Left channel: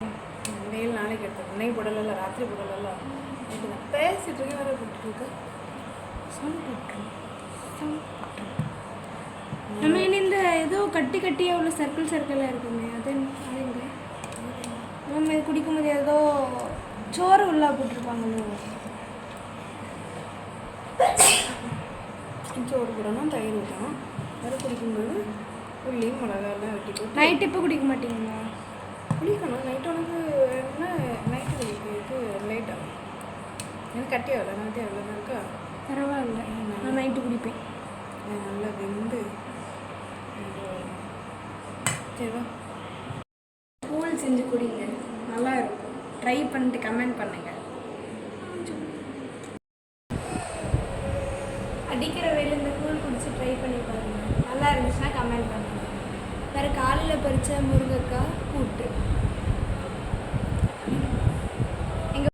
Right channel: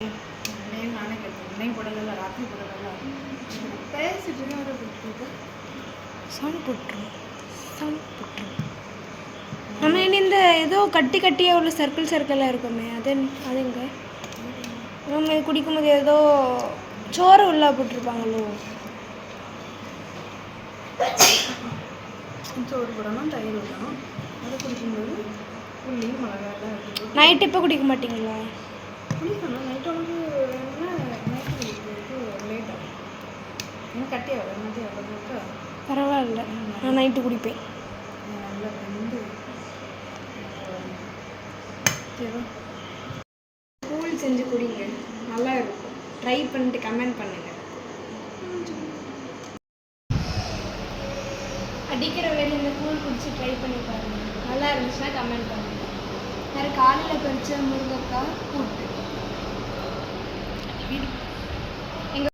Nail நானே கேட்டேன். நெய் போடல, ராத்திரி போடல. பேசிட்டு வர போட்டு சவுண்ட் போட்டுரும். நம்ம இனி இந்த ஏதோ கட்டி கட்டியாக உள்ள சர்க்கிளாக இருக்குமே அதுங்க நம்ம இது குடிக்கும்போது ஏதோ சோறு உள்ளா போட்டிருப்பாங்களோ. சோறு போடணும், தயிர் ஊற்றணும். அதை குடிக்கும்போது உள்ளி மிளகாலாம் வெட்டி. நைட்டு இப்போ குடிக்க மாட்டீங்களா? குடிக்கணும். நைட்டு உனக்கு வேணும்னா நைட்டு குடிக்கிறது லேட்டாக எனக்கு கட்டியாக வர நைட்டு எவ்வளோ இருக்கா பரவாயில்ல. நான் நைட்டு குடிப்பேன். நல்லா வெந்து சரி கூழ் செஞ்சு குடிங்க, நல்லா இருக்கும். ட்ரை பண்ணிட்டு கமெண்ட் பண்ணுங்கள். அடிக்கிற வேலை இந்த கூழ் குடிச்சு ட்ரை பண்ணி பாருங்கள். நல்லா இருந்துச்சுன்னா கமெண்ட் பண்ணுங்கள். வேறு காலையில் பறித்த முருங்கைக்காய் கூழ்.